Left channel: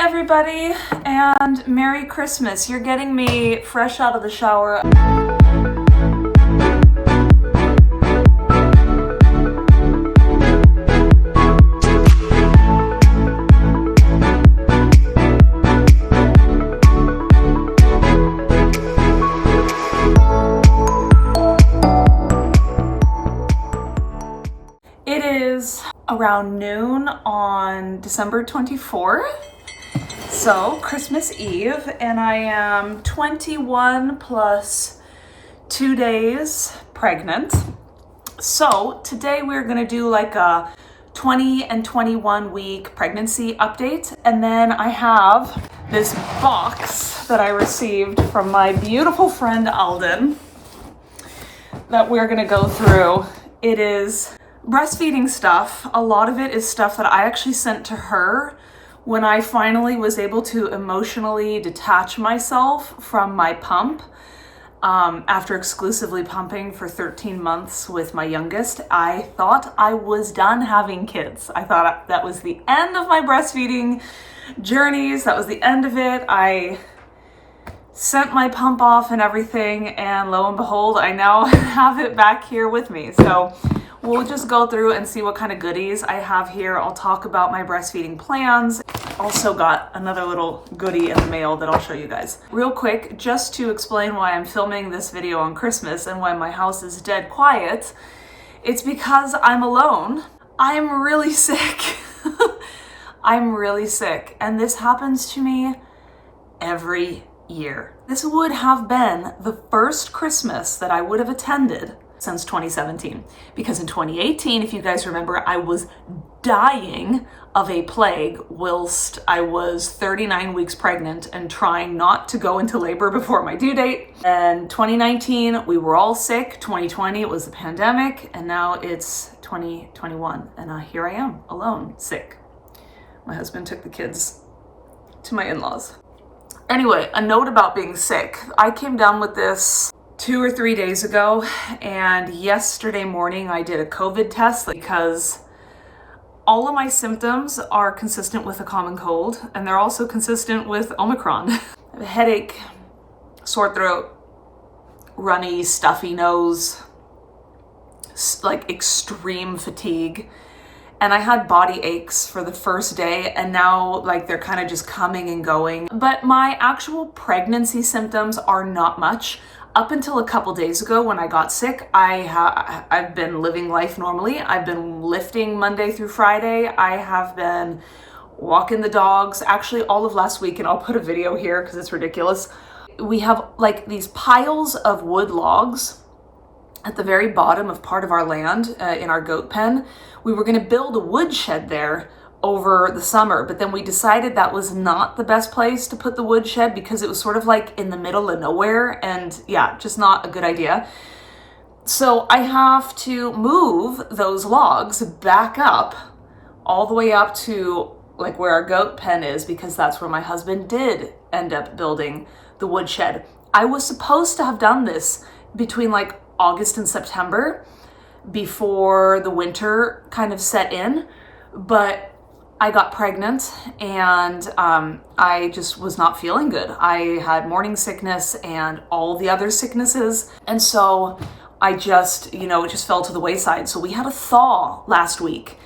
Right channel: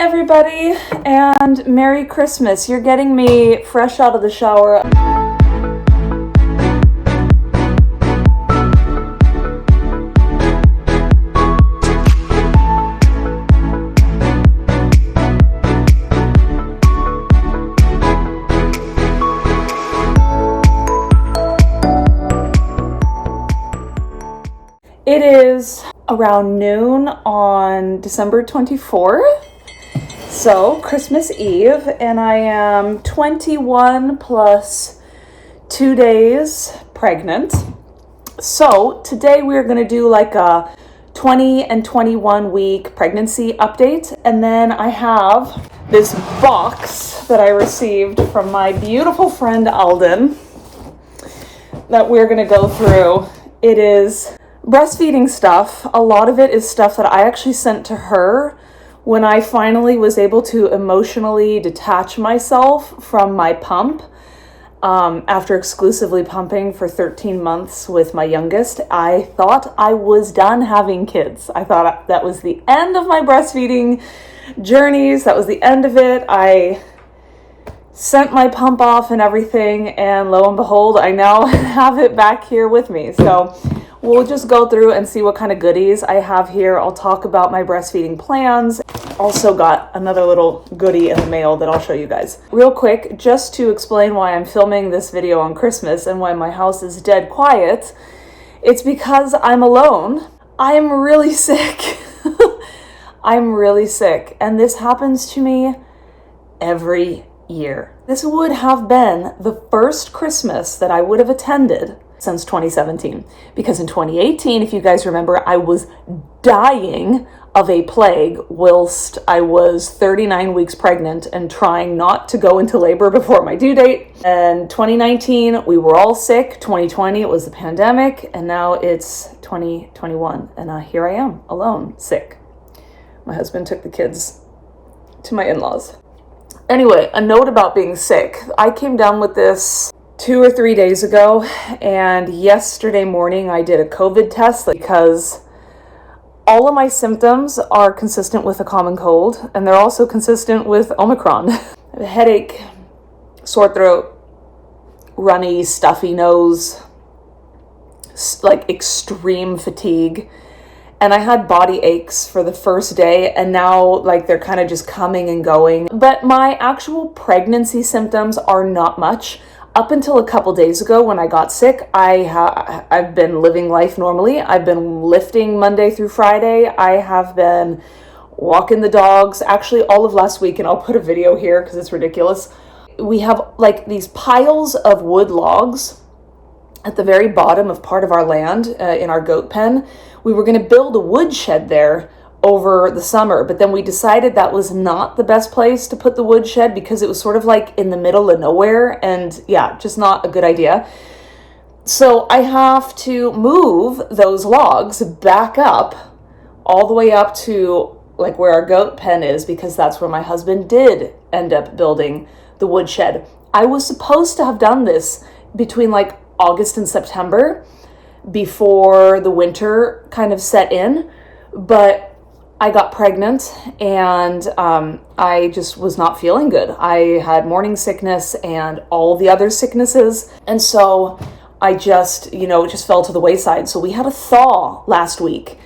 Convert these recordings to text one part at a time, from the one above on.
everybody, and Merry Christmas. You're getting me fresh out of the shower. It is around noon on December 24th. So, Christmas Eve, and I am 21 plus 2 days pregnant. So, today we're going to do like a 20 and 21 week pregnancy update. And then I have this box that I received from my beautiful friend Alden that we're going to go through. It is breastfeeding stuff. A lot of it is stuff that I actually sent to her when I finally was able to emotionally detach myself from my pump. After exclusively pumping for 13 months with my youngest, I thought I was done having kids. I thought that was the end of my breastfeeding journeys. That was the end of it. I sent my pump off and everything, and lo and behold, I now have it back here with me. So we'll just go through and see what kind of goodies I have here. I'll talk about my breastfeeding plans. Also got another little goodie in the mail that I'll show you guys. Real quick, just to explain why I'm filming this video on Christmas and why my house is dead quiet, it's because I'm alone. I'm really sick. I'm really sick, and this happens to me every year. This would have been the first Christmas that I would have attended since 2017, because in 2018, if you guys remember, I was dying of a plague whilst I was 39 weeks pregnant and trying not to go into labor before my due date. And 2019, we were all sick. 2020, it was the pandemic, and now it's 2021, and here I am, alone, sick. My husband took the kids to my in-laws. Anyway, a note about being sick. I came down with this 2 or 3 days ago, and yesterday morning I did a COVID test because all of my symptoms are consistent with a common cold, and they're also consistent with Omicron. I have a headache, sore throat, runny, stuffy nose, like extreme fatigue, and I had body aches for the first day, and now like they're kind of just coming and going. But my actual pregnancy symptoms are not much. Up until a couple days ago when I got sick, I've been living life normally. I've been lifting Monday through Friday. I have been walking the dogs, actually all of last week, and I'll put a video here because it's ridiculous. We have like these piles of wood logs at the very bottom of part of our land in our goat pen. We were going to build a wood shed there over the summer, but then we decided that was not the best place to put the wood shed because it was sort of like in the middle of nowhere, and yeah, just not a good idea. So I have to move those logs back up all the way up to like where our goat pen is, because that's where my husband did end up building the wood shed. I was supposed to have done this between like August and September before the winter kind of set in, but I got pregnant and I just was not feeling good. I had morning sickness and all the other sicknesses. And so I just, it just fell to the wayside. So we had a thaw last week,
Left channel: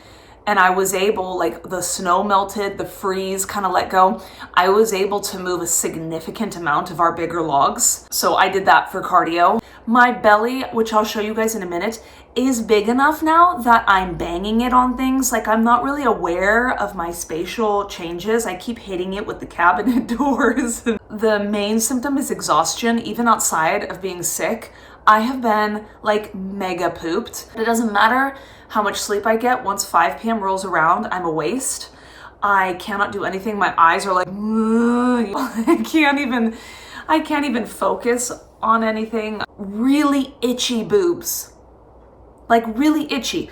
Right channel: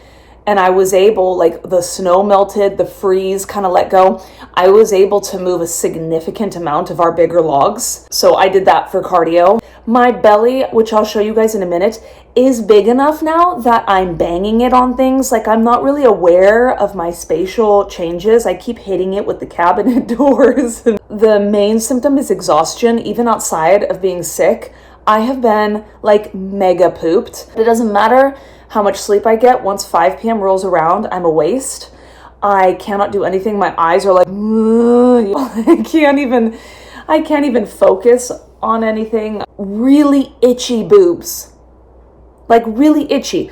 and I was able, like the snow melted, the freeze kind of let go. I was able to move a significant amount of our bigger logs. So I did that for cardio. My belly, which I'll show you guys in a minute, is big enough now that I'm banging it on things. Like I'm not really aware of my spatial changes. I keep hitting it with the cabinet doors. The main symptom is exhaustion. Even outside of being sick, I have been like mega pooped. It doesn't matter how much sleep I get. Once 5 p.m. rolls around, I'm a waste. I cannot do anything. My eyes are like, I can't even focus on anything. Really itchy boobs, like really itchy.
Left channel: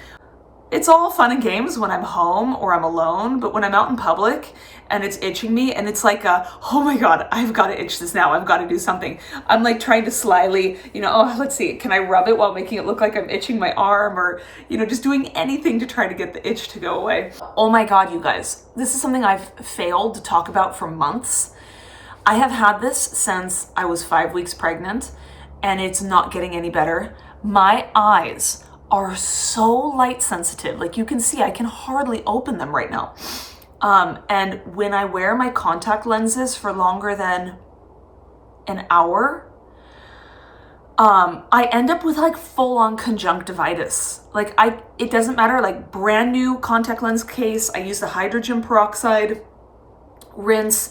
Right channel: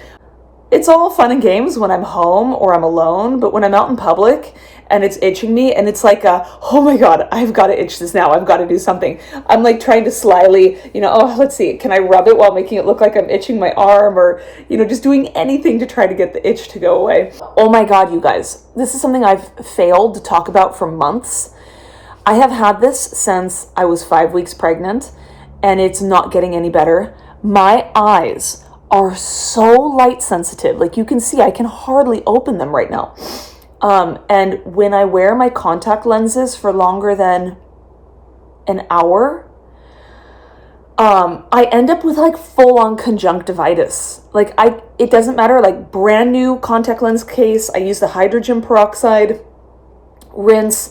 it's all fun and games when I'm home or I'm alone, but when I'm out in public and it's itching me and it's like oh my God, I've got to itch this now. I've got to do something. I'm like trying to slyly, oh, let's see, can I rub it while making it look like I'm itching my arm, or, just doing anything to try to get the itch to go away. Oh my God, you guys, this is something I've failed to talk about for months. I have had this since I was 5 weeks pregnant, and it's not getting any better. My eyes are so light sensitive. Like you can see, I can hardly open them right now. And when I wear my contact lenses for longer than an hour, I end up with like full on conjunctivitis. Like it doesn't matter, like brand new contact lens case. I use the hydrogen peroxide rinse.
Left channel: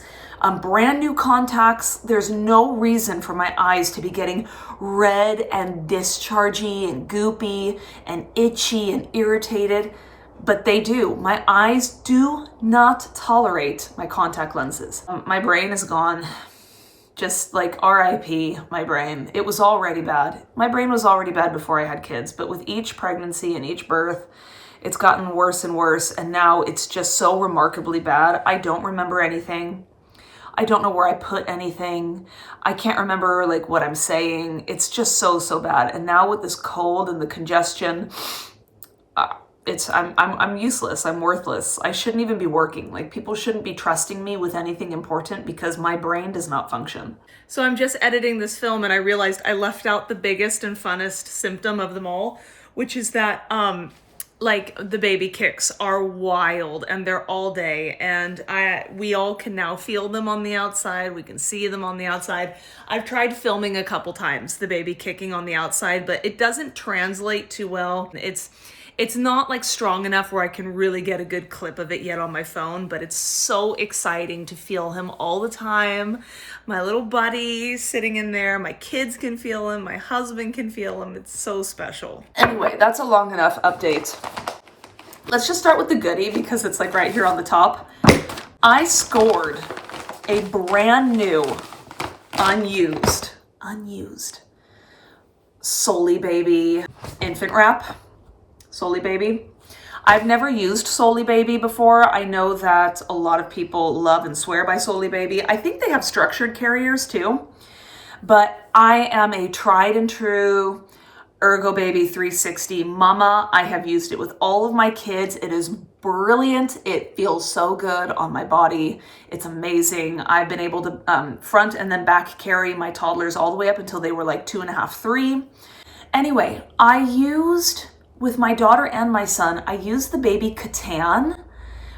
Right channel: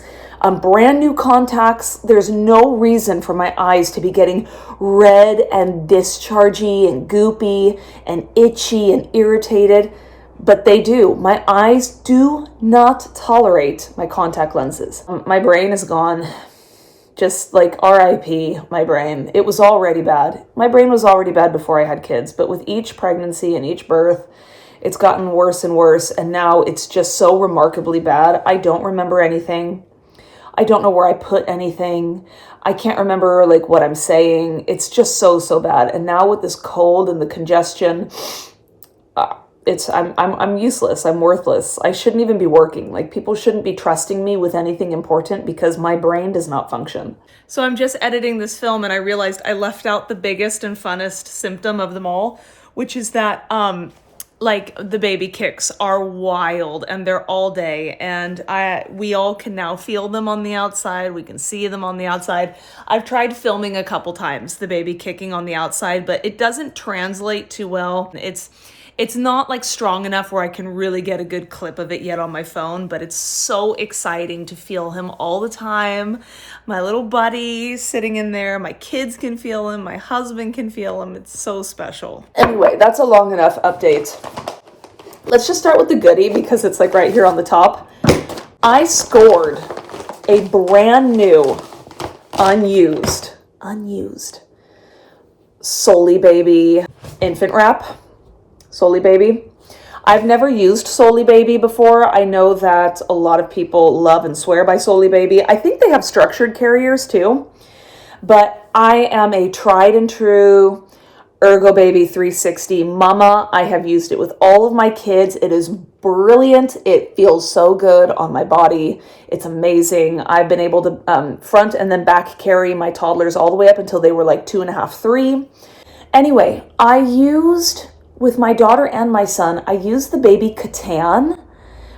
Brand new contacts. There's no reason for my eyes to be getting red and dischargy and goopy and itchy and irritated, but they do. My eyes do not tolerate my contact lenses. My brain is gone. Just like RIP, my brain. It was already bad. My brain was already bad before I had kids, but with each pregnancy and each birth, it's gotten worse and worse, and now it's just so remarkably bad. I don't remember anything. I don't know where I put anything. I can't remember like what I'm saying. It's just so bad. And now with this cold and the congestion, I'm useless. I'm worthless. I shouldn't even be working. Like people shouldn't be trusting me with anything important because my brain does not function. So I'm just editing this film and I realized I left out the biggest and funnest symptom of them all, which is that like the baby kicks are wild and they're all day, and we all can now feel them on the outside. We can see them on the outside. I've tried filming a couple times the baby kicking on the outside, but it doesn't translate too well. It's not like strong enough where I can really get a good clip of it yet on my phone, but it's so exciting to feel him all the time. My little buddy sitting in there, my kids can feel him, my husband can feel him. It's so special. Anyway, that's a long enough update. Let's just start with the goodie because it's like right here on the top. I scored a brand new, unused Solly Baby infant wrap. Solly Baby. I've never used Solly Baby before. I know that a lot of people love and swear by Solly Baby. I think they have structured carriers too, but I am a tried and true Ergo Baby 360 mama. I have used it with all of my kids. It is brilliant. It feels so good on my body. It's amazing. I've been able to front and then back carry my toddlers all the way up until they were like 2.5, 3. Anyway, with my daughter and my son, I used the baby Catan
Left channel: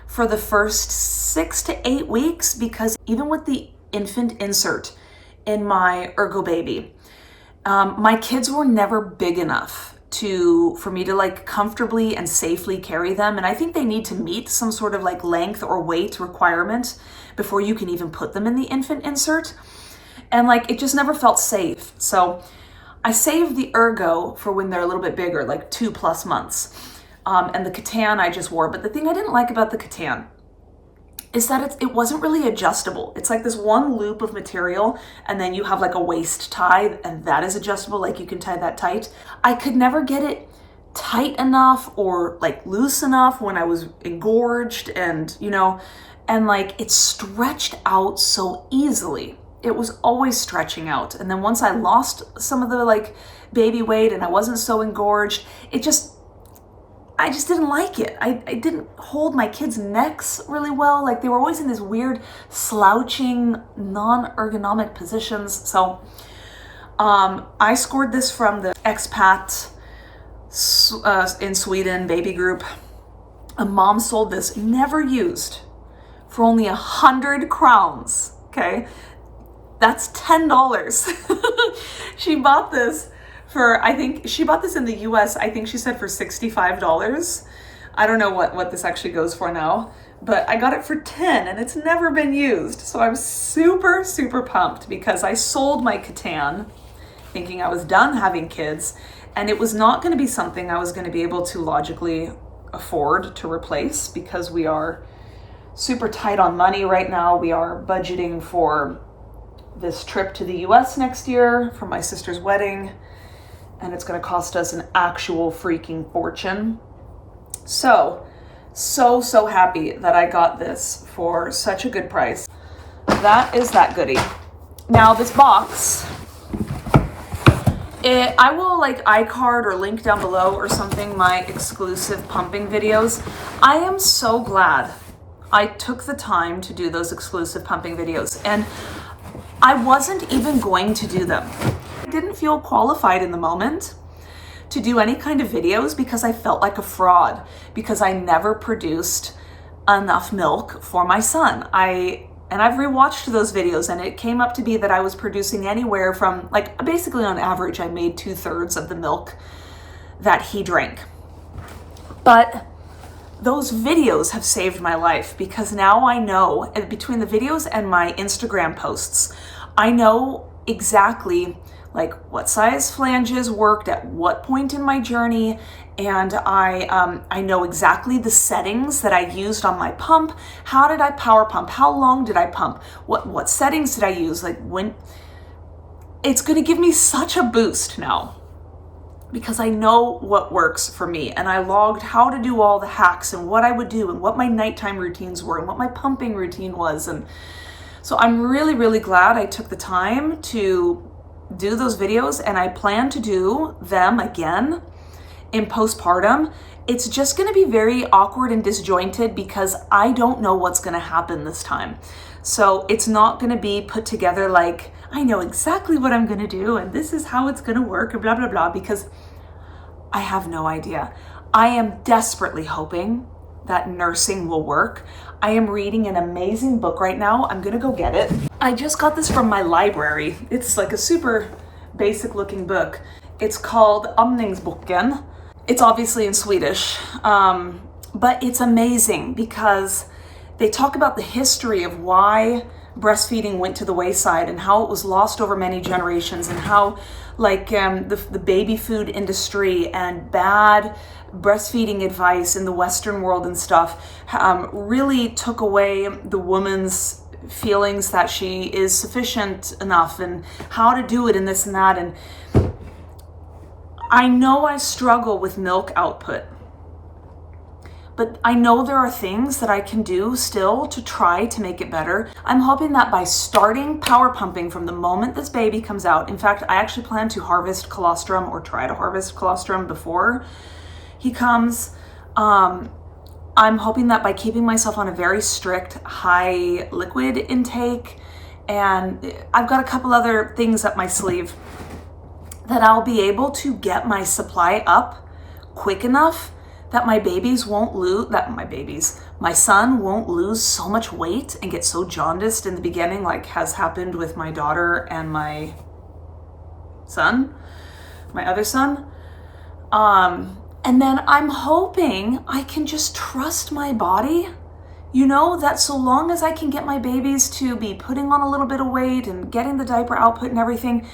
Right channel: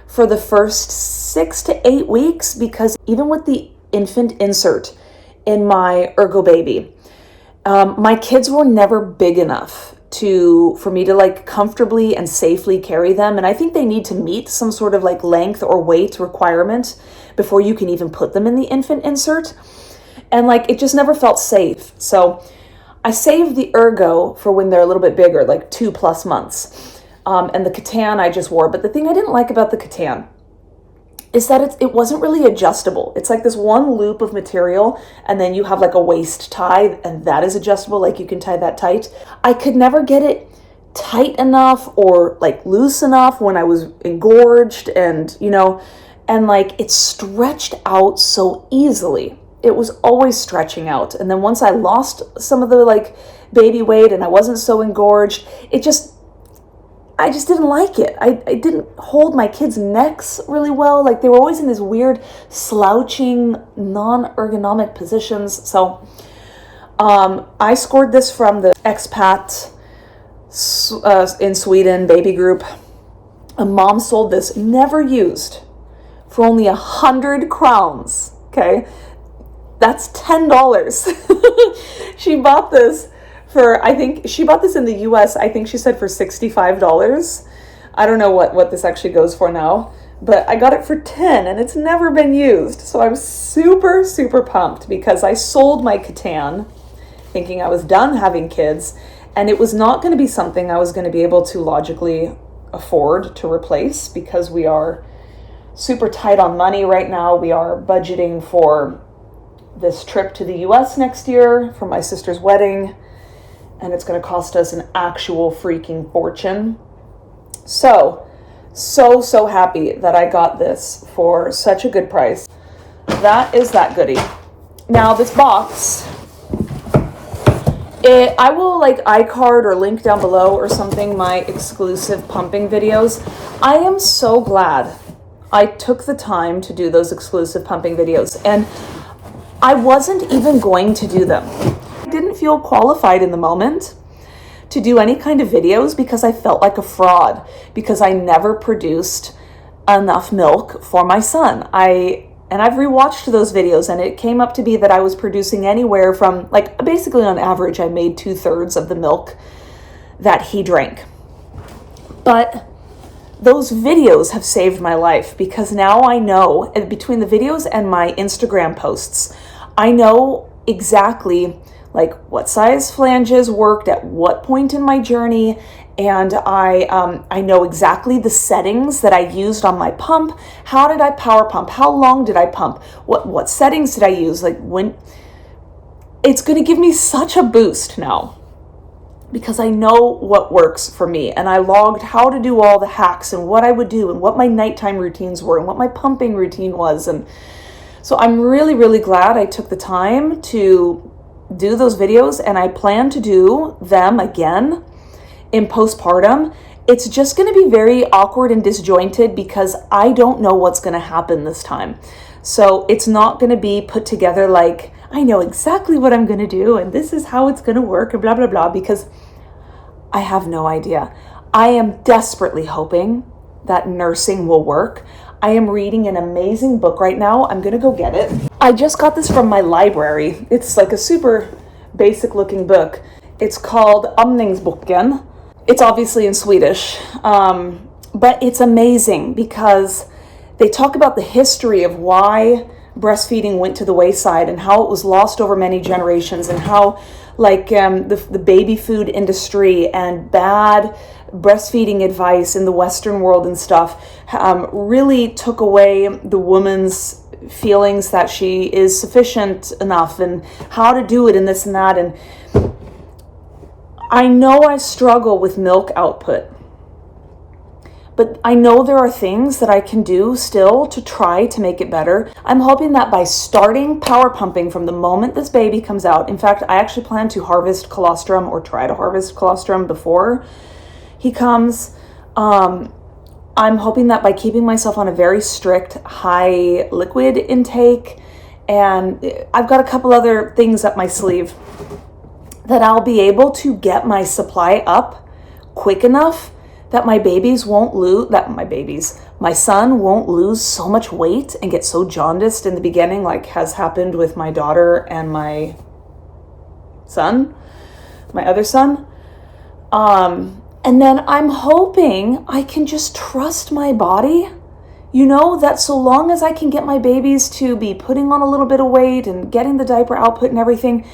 for the first 6 to 8 weeks because even with the infant insert in my Ergo Baby, my kids were never big enough for me to like comfortably and safely carry them. And I think they need to meet some sort of like length or weight requirement before you can even put them in the infant insert. And like, it just never felt safe. So I saved the Ergo for when they're a little bit bigger, like 2+ months. And the Catan I just wore. But the thing I didn't like about the Catan is that it wasn't really adjustable. It's like this one loop of material, and then you have like a waist tie, and that is adjustable, like you can tie that tight. I could never get it tight enough or like loose enough when I was engorged, and like it stretched out so easily. It was always stretching out. And then once I lost some of the like baby weight and I wasn't so engorged, I just didn't like it. I didn't hold my kids' necks really well. Like they were always in this weird slouching, non-ergonomic positions. So I scored this from the expat in Sweden baby group. A mom sold this, never used, for only 100 crowns. Okay. That's $10. She bought this I think she bought this in the US, I think she said for $65. I don't know what this actually goes for now, but I got it for 10 and it's never been used. So I'm super, super pumped because I sold my Catan thinking I was done having kids, and it was not going to be something I was going to be able to logically afford to replace because we are super tight on money right now. We are budgeting for this trip to the US next year for my sister's wedding, and it's going to cost us an actual freaking fortune. So happy that I got this for such a good price. That is that goodie. Now this box, I will like iCard or link down below or something my exclusive pumping videos. I am so glad I took the time to do those exclusive pumping videos, and I wasn't even going to do them. I didn't feel qualified in the moment to do any kind of videos because I felt like a fraud because I never produced enough milk for my son. And I've rewatched those videos, and it came up to be that I was producing anywhere from, like, basically on average, I made 2/3 of the milk that he drank. But those videos have saved my life because now I know, between the videos and my Instagram posts, I know exactly like what size flanges worked at what point in my journey, and I know exactly the settings that I used on my pump. How did I power pump? How long did I pump? What settings did I use? Like, when it's going to give me such a boost now because I know what works for me, and I logged how to do all the hacks and what I would do and what my nighttime routines were and what my pumping routine was. And so I'm really, really glad I took the time to do those videos, and I plan to do them again in postpartum. It's just going to be very awkward and disjointed because I don't know what's going to happen this time. So it's not going to be put together like I know exactly what I'm going to do and this is how it's going to work and blah, blah, blah, because I have no idea. I am desperately hoping that nursing will work. I am reading an amazing book right now. I'm going to go get it. I just got this from my library. It's like a super basic looking book. It's called Amningsboken. It's obviously in Swedish, but it's amazing because they talk about the history of why breastfeeding went to the wayside and how it was lost over many generations, and how like the baby food industry and bad breastfeeding advice in the Western world and stuff really took away the woman's feelings that she is sufficient enough and how to do it and this and that. And I know I struggle with milk output, but I know there are things that I can do still to try to make it better. I'm hoping that by starting power pumping from the moment this baby comes out, in fact, I actually plan to harvest colostrum or try to harvest colostrum before he comes. I'm hoping that by keeping myself on a very strict high liquid intake, and I've got a couple other things up my sleeve, that I'll be able to get my supply up quick enough that my son won't lose so much weight and get so jaundiced in the beginning, like has happened with my daughter and my other son. And then I'm hoping I can just trust my body, that so long as I can get my babies to be putting on a little bit of weight and getting the diaper output and everything.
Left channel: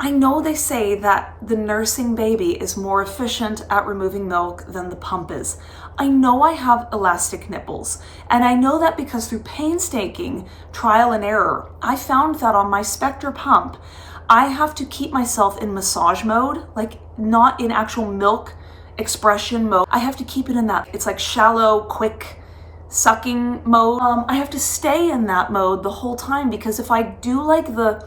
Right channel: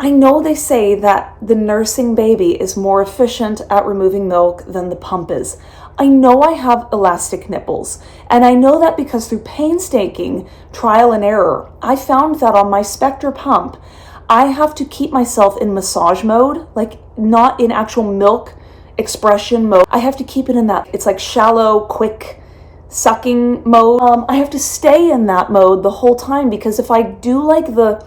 I know they say that the nursing baby is more efficient at removing milk than the pump is. I know I have elastic nipples, and I know that because through painstaking trial and error, I found that on my Spectra Pump, I have to keep myself in massage mode, like not in actual milk expression mode. I have to keep it in that, it's like shallow, quick sucking mode. I have to stay in that mode the whole time, because if I do like the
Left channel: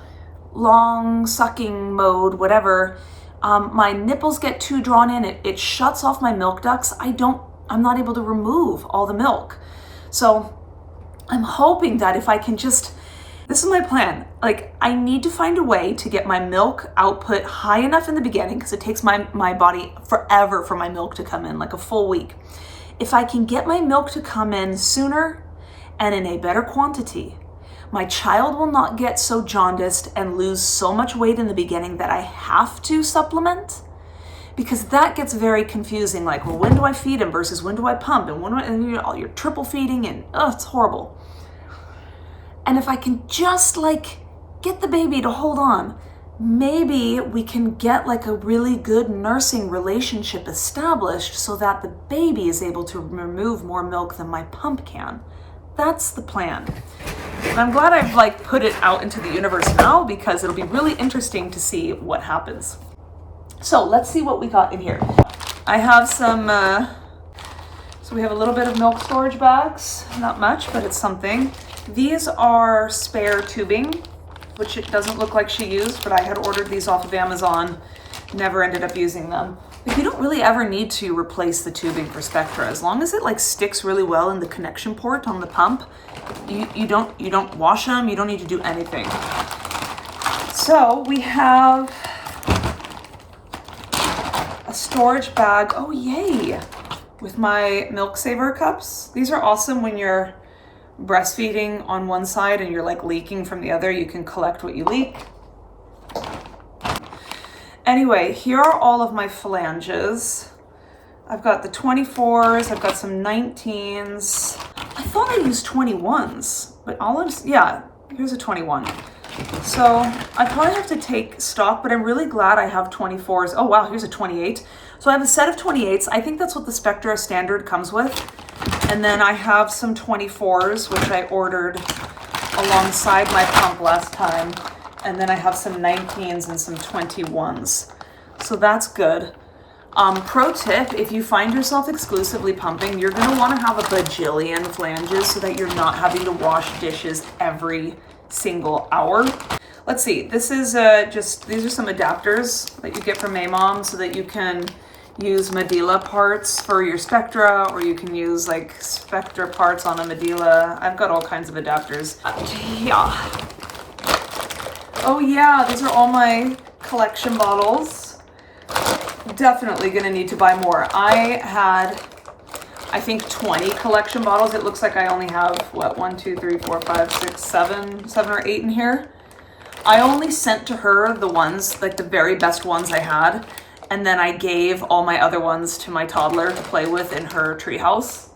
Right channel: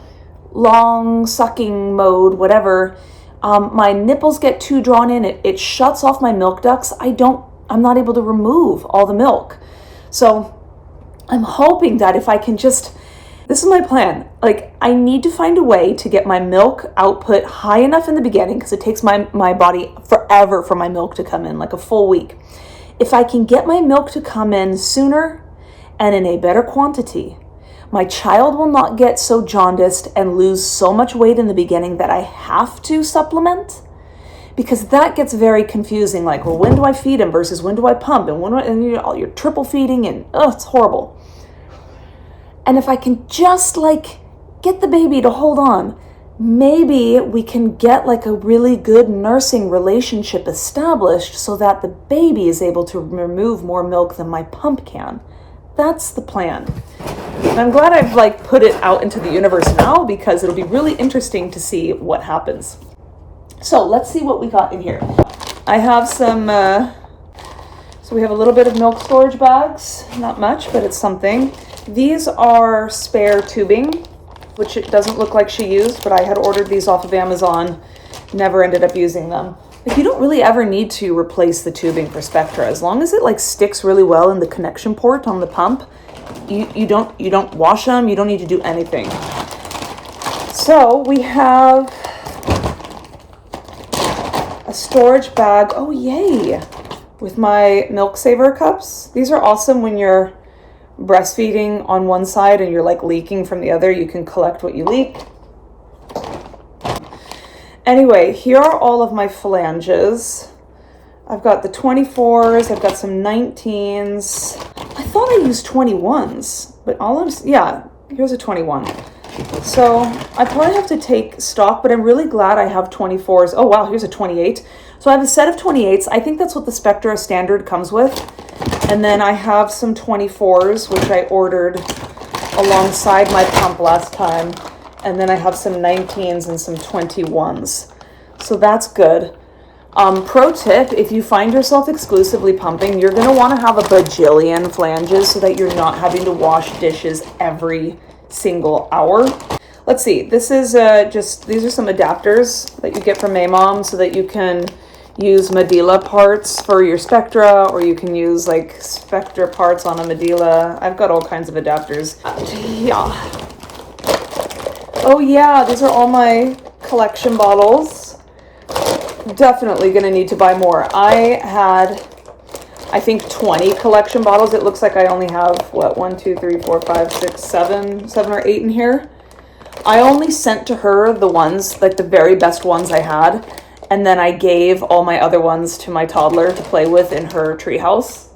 long sucking mode, whatever, my nipples get too drawn in, it shuts off my milk ducts. I'm not able to remove all the milk. So I'm hoping that if I can this is my plan. Like, I need to find a way to get my milk output high enough in the beginning, because it takes my body forever for my milk to come in, like a full week. If I can get my milk to come in sooner and in a better quantity, my child will not get so jaundiced and lose so much weight in the beginning that I have to supplement, because that gets very confusing. Like, well, when do I feed him versus when do I pump? And you're triple feeding, and it's horrible. And if I can just get the baby to hold on, maybe we can get a really good nursing relationship established so that the baby is able to remove more milk than my pump can. That's the plan. And I'm glad I've put it out into the universe now, because it'll be really interesting to see what happens. So let's see what we got in here. I have some So we have a little bit of milk storage bags, not much, but it's something. These are spare tubing, which it doesn't look like she used, but I had ordered these off of Amazon, never ended up using them. Like, you don't really ever need to replace the tubing for Spectra. As long as it like sticks really well in the connection port on the pump, you don't wash them, you don't need to do anything. So we have a storage bag, oh yay, with my milk saver cups. These are awesome when you're breastfeeding on one side and you're like leaking from the other. You can collect what you leak. Anyway, here are all of my flanges. I've got the 24s, I've got some 19s. I thought I used 21s, but yeah, here's a 21. So I probably have to take stock, but I'm really glad I have 24s. Oh wow, here's a 28. So I have a set of 28s. I think that's what the Spectra standard comes with. And then I have some 24s, which I ordered alongside my pump last time. And then I have some 19s and some 21s. So that's good. Pro tip, if you find yourself exclusively pumping, you're going to want to have a bajillion flanges so that you're not having to wash dishes every single hour. Let's see, this is these are some adapters that you get from Maymom so that you can use Medulla parts for your Spectra, or you can use like Spectra parts on a Medulla. I've got all kinds of adapters. Yeah. Oh yeah, these are all my collection bottles. Definitely gonna need to buy more. I had, I think 20 collection bottles. It looks like I only have, what, 1, 2, 3, 4, 5, 6, 7 or 8 in here. I only sent to her the ones, like the very best ones I had, and then I gave all my other ones to my toddler to play with in her treehouse.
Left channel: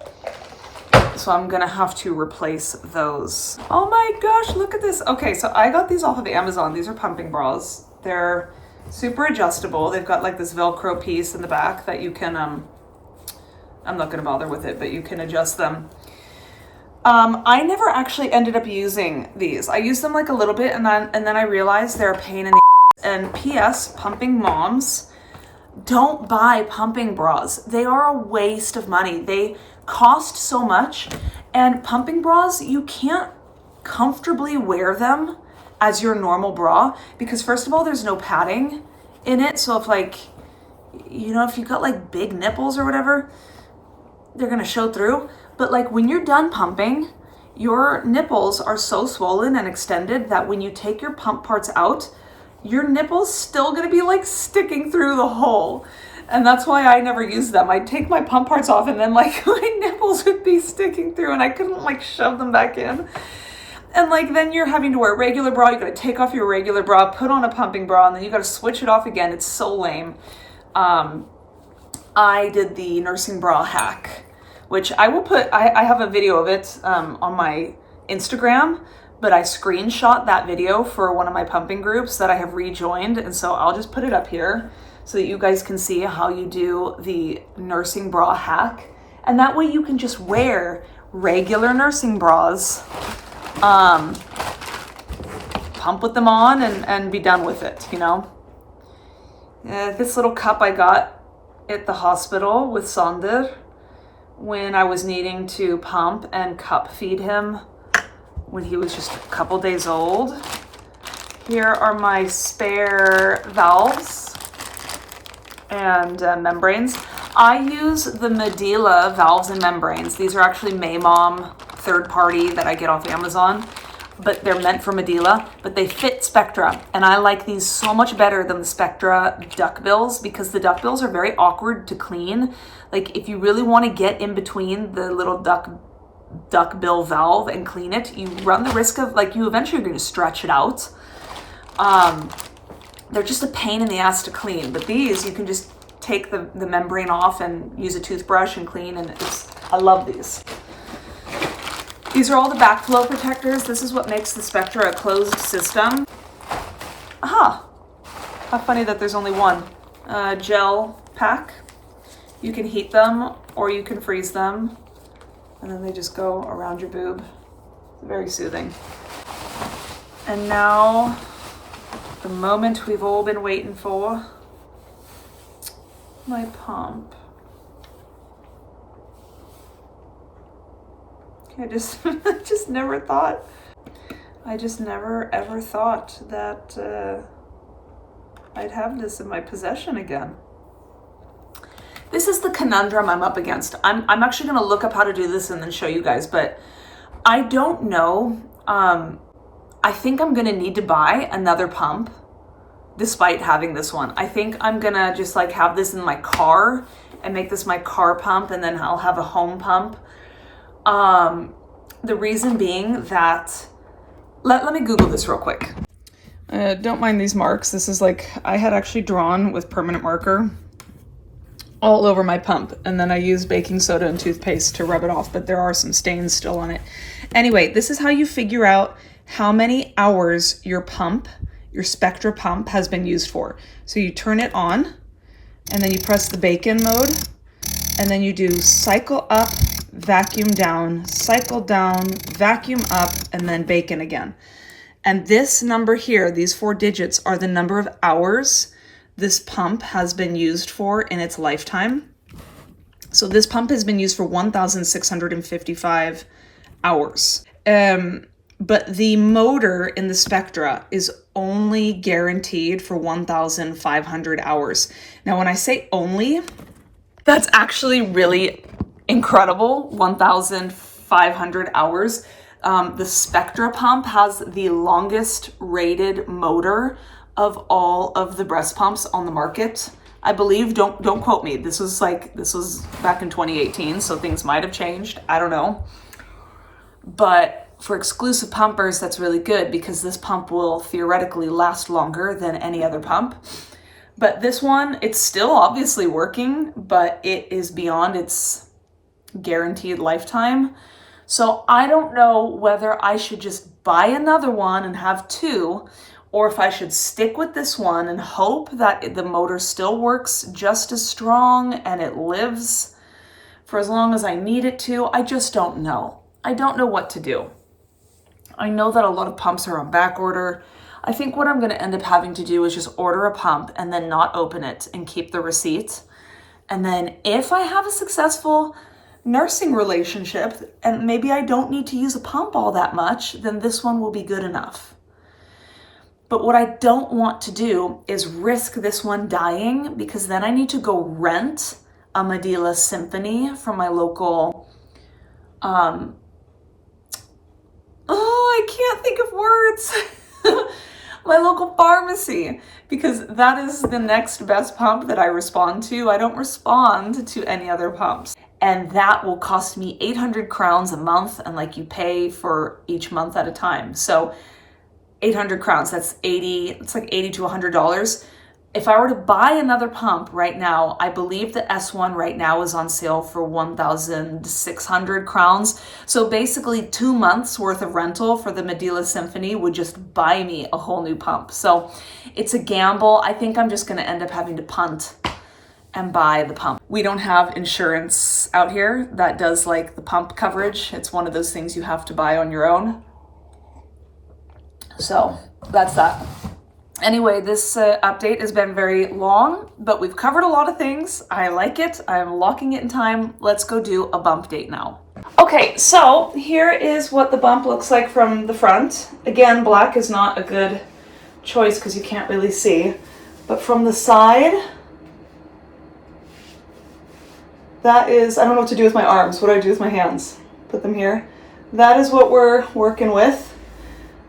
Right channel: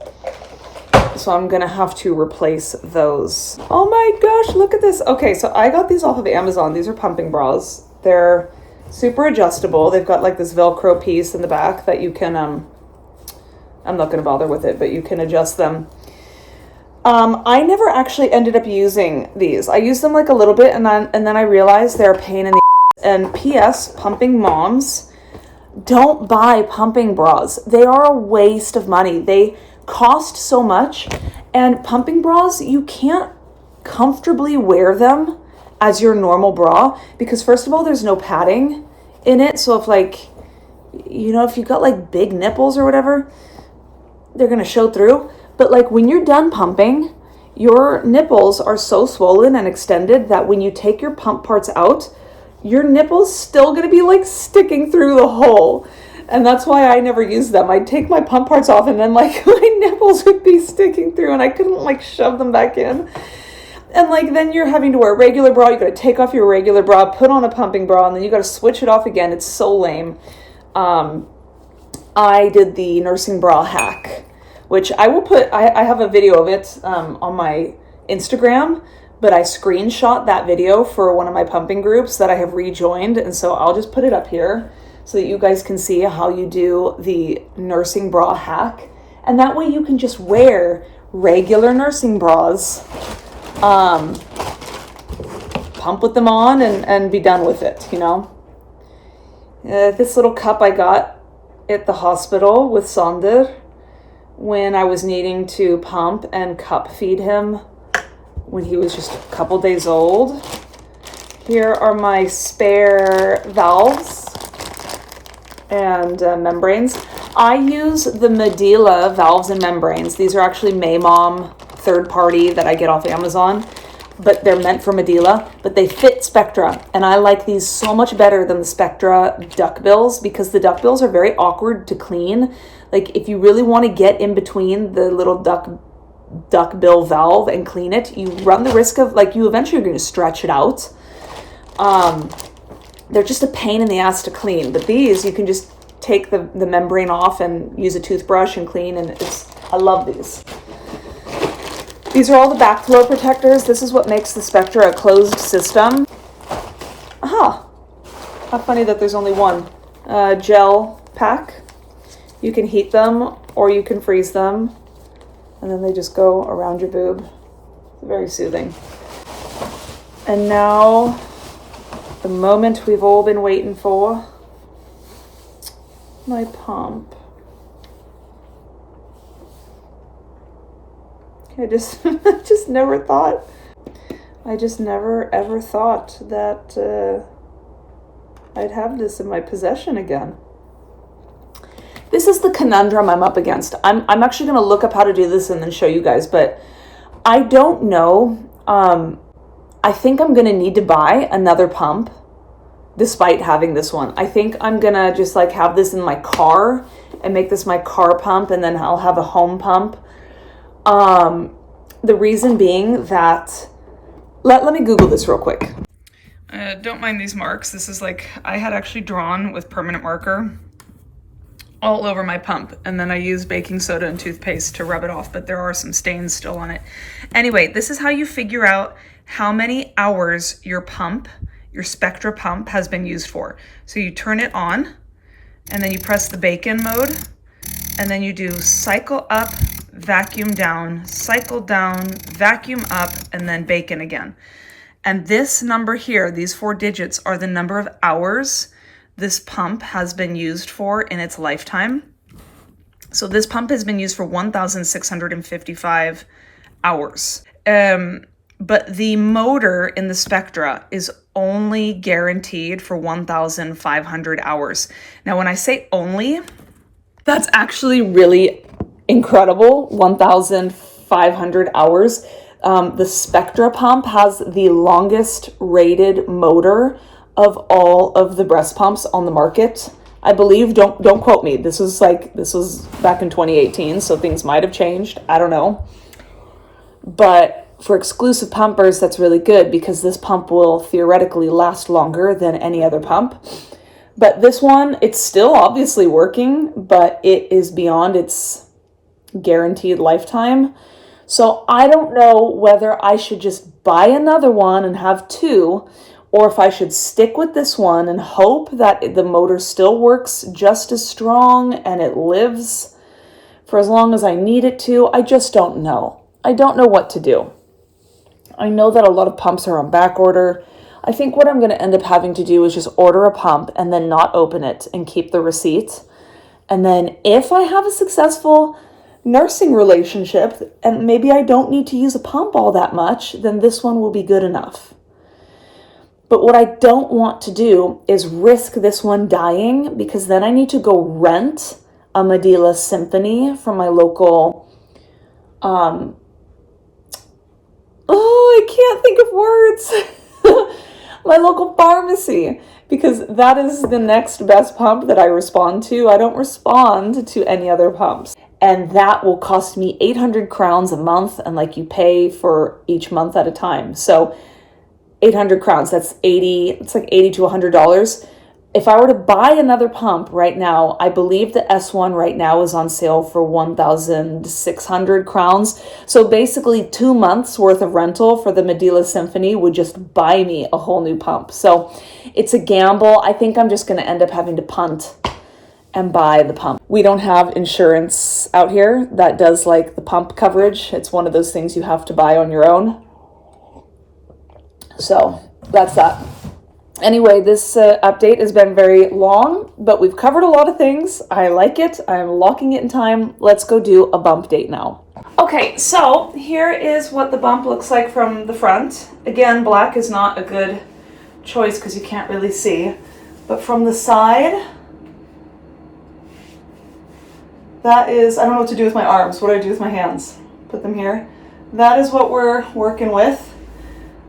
So I'm gonna have to replace those. Oh my gosh, look at this. Okay, so I got these off of Amazon. These are pumping bras. They're super adjustable. They've got like this Velcro piece in the back that you can, I'm not gonna bother with it, but you can adjust them. I never actually ended up using these. I used them like a little bit and then I realized they're a pain in the ass. And P.S. pumping moms, don't buy pumping bras. They are a waste of money. They cost so much, and pumping bras, you can't comfortably wear them as your normal bra because first of all, there's no padding in it. So if like, you know, if you got like big nipples or whatever, they're gonna show through. But like when you're done pumping, your nipples are so swollen and extended that when you take your pump parts out, your nipples still gonna be like sticking through the hole. And that's why I never use them. I'd take my pump parts off and then like my nipples would be sticking through and I couldn't like shove them back in. And like then you're having to wear a regular bra. You gotta take off your regular bra, put on a pumping bra, and then you gotta switch it off again. It's so lame. I did the nursing bra hack, which I will put, I have a video of it on my Instagram, but I screenshot that video for one of my pumping groups that I have rejoined. And so I'll just put it up here so that you guys can see how you do the nursing bra hack. And that way you can just wear regular nursing bras, pump with them on and be done with it, you know? This little cup I got at the hospital with Sonder when I was needing to pump and cup feed him when he was just a couple days old. Here are my spare valves and membranes. I use the Medulla Valves and membranes. These are actually Maymom third party that I get off Amazon, but they're meant for Medulla, but they fit Spectra. And I like these so much better than the Spectra duckbills because the duckbills are very awkward to clean. Like if you really want to get in between the little duckbill valve and clean it, you run the risk of like you eventually are going to stretch it out. They're just a pain in the ass to clean, but these you can just take the membrane off and use a toothbrush and clean, and I love these. These are all the backflow protectors. This is what makes the Spectra a closed system. Aha! How funny that there's only one gel pack. You can heat them or you can freeze them, and then they just go around your boob. Very soothing. And now, the moment we've all been waiting for, my pump. I just I just never thought. I just never ever thought that I'd have this in my possession again. This is the conundrum I'm up against. I'm actually going to look up how to do this and then show you guys, but I don't know. I think I'm going to need to buy another pump despite having this one. I think I'm going to just like have this in my car and make this my car pump, and then I'll have a home pump. The reason being that, let me Google this real quick. Don't mind these marks. This is like, I had actually drawn with permanent marker all over my pump, and then I use baking soda and toothpaste to rub it off, but there are some stains still on it. Anyway, this is how you figure out how many hours your pump, your Spectra pump, has been used for. So you turn it on, and then you press the bake-in mode, and then you do cycle up, vacuum down, cycle down, vacuum up, and then bake-in again. And this number here, these 4 digits, are the number of hours this pump has been used for in its lifetime. So this pump has been used for 1,655 hours. But the motor in the Spectra is only guaranteed for 1,500 hours. Now, when I say only, that's actually really incredible, 1,500 hours. The Spectra pump has the longest rated motor of all of the breast pumps on the market. I believe, don't quote me. This was back in 2018, so things might have changed. I don't know. But for exclusive pumpers, that's really good because this pump will theoretically last longer than any other pump. But this one, it's still obviously working, but it is beyond its guaranteed lifetime. So I don't know whether I should just buy another one and have 2, or if I should stick with this one and hope that the motor still works just as strong and it lives for as long as I need it to. I just don't know. I don't know what to do. I know that a lot of pumps are on back order. I think what I'm going to end up having to do is just order a pump and then not open it and keep the receipt. And then if I have a successful nursing relationship and maybe I don't need to use a pump all that much, then this one will be good enough. But what I don't want to do is risk this one dying, because then I need to go rent a Medulla Symphony from my local, I can't think of words. My local pharmacy, because that is the next best pump that I respond to. I don't respond to any other pumps. And that will cost me 800 crowns a month, and like you pay for each month at a time. So 800 crowns, it's like $80 to $100. If I were to buy another pump right now, I believe the S1 right now is on sale for 1,600 crowns. So basically 2 months worth of rental for the Medulla Symphony would just buy me a whole new pump. So it's a gamble. I think I'm just going to end up having to punt and buy the pump. We don't have insurance out here that does like the pump coverage. It's one of those things you have to buy on your own. So that's that. Anyway, this update has been very long, but we've covered a lot of things. I like it. I'm locking it in time. Let's go do a bump date now. Okay, so here is what the bump looks like from the front. Again, black is not a good choice because you can't really see. But from the side, that is, I don't know what to do with my arms. What do I do with my hands? Put them here. That is what we're working with.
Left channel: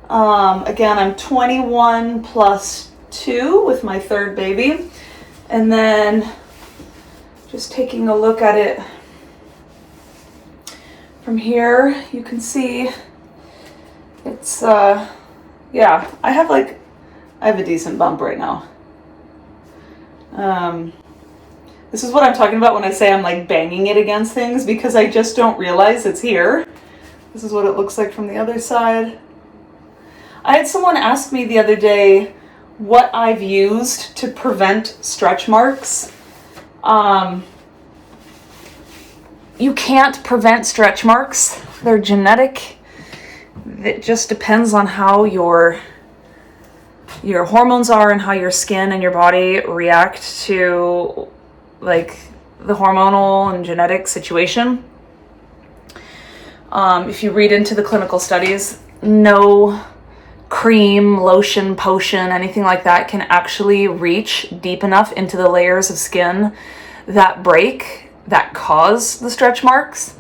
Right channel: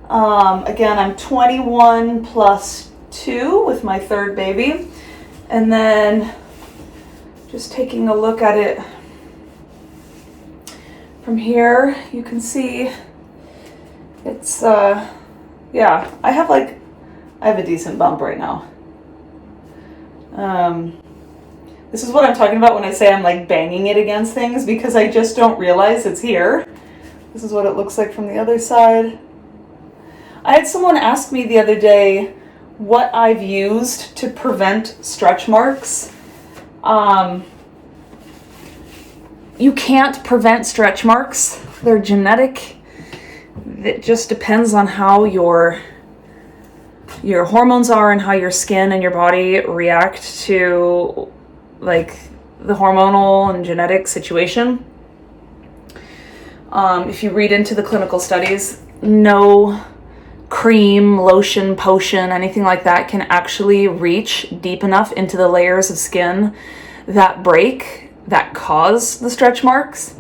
Again, I'm 21 plus 2 with my third baby. And then just taking a look at it from here, you can see it's, yeah, I have a decent bump right now. This is what I'm talking about when I say I'm like banging it against things, because I just don't realize it's here. This is what it looks like from the other side. I had someone ask me the other day what I've used to prevent stretch marks. You can't prevent stretch marks. They're genetic. It just depends on how your hormones are and how your skin and your body react to like the hormonal and genetic situation. If you read into the clinical studies, no cream, lotion, potion, anything like that can actually reach deep enough into the layers of skin that break, that cause the stretch marks.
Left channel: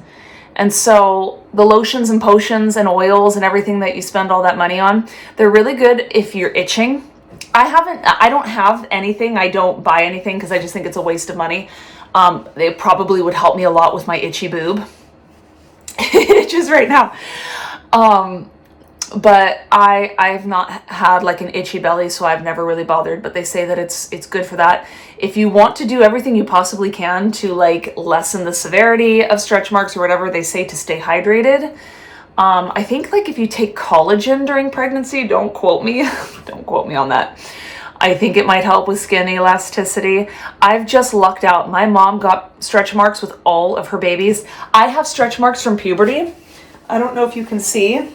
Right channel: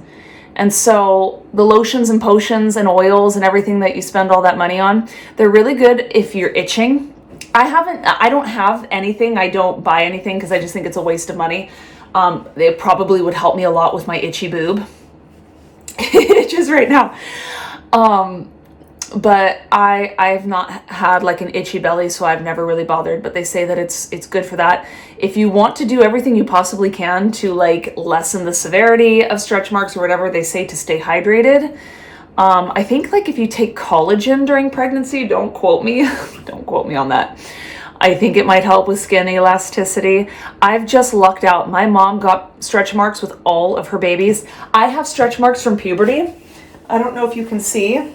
And so the lotions and potions and oils and everything that you spend all that money on, they're really good if you're itching. I don't have anything. I don't buy anything because I just think it's a waste of money. They probably would help me a lot with my itchy boob. It itches right now. But I've not had like an itchy belly, so I've never really bothered, but they say that it's good for that. If you want to do everything you possibly can to like lessen the severity of stretch marks or whatever, they say to stay hydrated. I think like if you take collagen during pregnancy, don't quote me, don't quote me on that. I think it might help with skin elasticity. I've just lucked out. My mom got stretch marks with all of her babies. I have stretch marks from puberty. I don't know if you can see.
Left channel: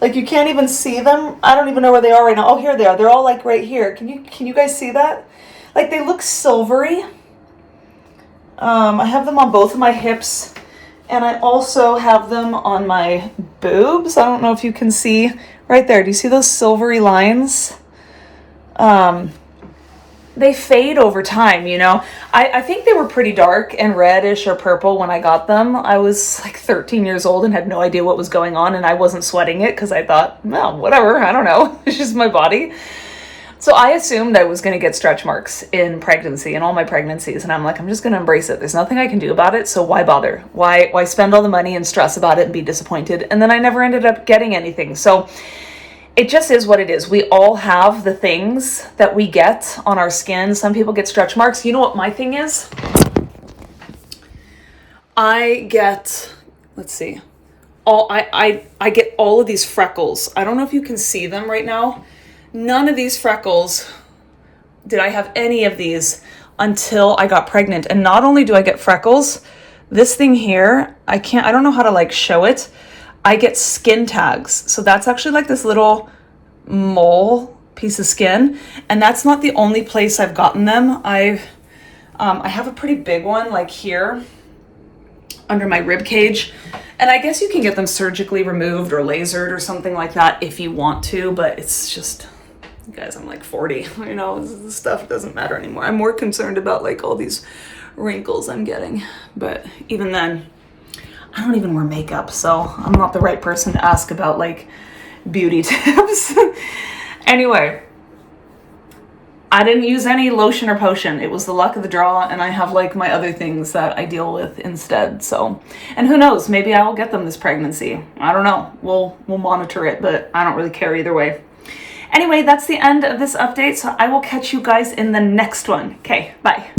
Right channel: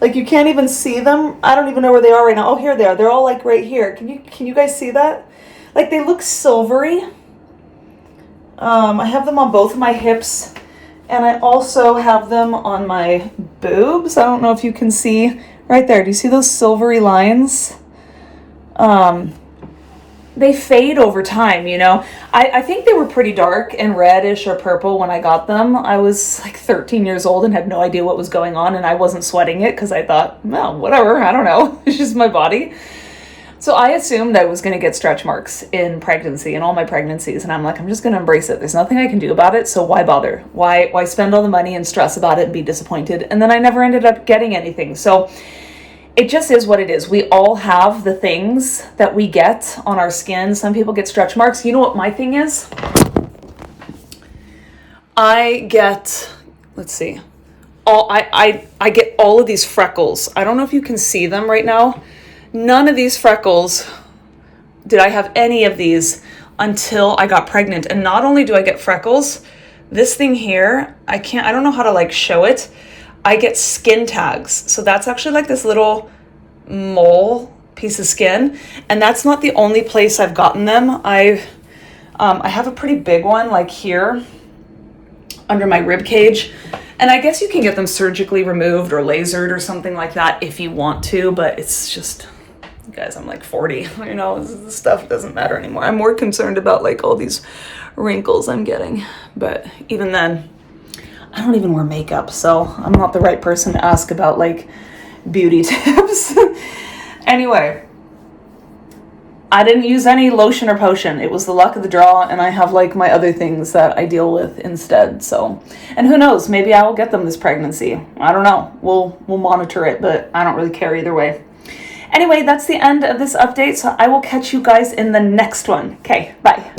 Like you can't even see them. I don't even know where they are right now. Oh, here they are. They're all like right here. Can you guys see that? Like they look silvery. I have them on both of my hips, and I also have them on my boobs. I don't know if you can see right there. Do you see those silvery lines? They fade over time, you know. I think they were pretty dark and reddish or purple when I got them. I was like 13 years old and had no idea what was going on, and I wasn't sweating it because I thought, well, whatever, I don't know. It's just my body. So I assumed I was going to get stretch marks in pregnancy and all my pregnancies, and I'm like, I'm just going to embrace it. There's nothing I can do about it, so why bother? Why spend all the money and stress about it and be disappointed? And then I never ended up getting anything. So it just is what it is. We all have the things that we get on our skin. Some people get stretch marks. You know what my thing is? I get, let's see, I get all of these freckles. I don't know if you can see them right now. None of these freckles did I have any of these until I got pregnant. And not only do I get freckles, this thing here, I don't know how to like show it. I get skin tags. So that's actually like this little mole piece of skin. And that's not the only place I've gotten them. I have a pretty big one like here under my rib cage. And I guess you can get them surgically removed or lasered or something like that if you want to, but it's just, guys, I'm like 40, you know, this stuff doesn't matter anymore. I'm more concerned about like all these wrinkles I'm getting. But even then, I don't even wear makeup, so I'm not the right person to ask about like beauty tips. Anyway, I didn't use any lotion or potion. It was the luck of the draw, and I have like my other things that I deal with instead. So, and who knows, maybe I will get them this pregnancy. I don't know. We'll monitor it, but I don't really care either way. Anyway, that's the end of this update, so I will catch you guys in the next one. Okay, bye.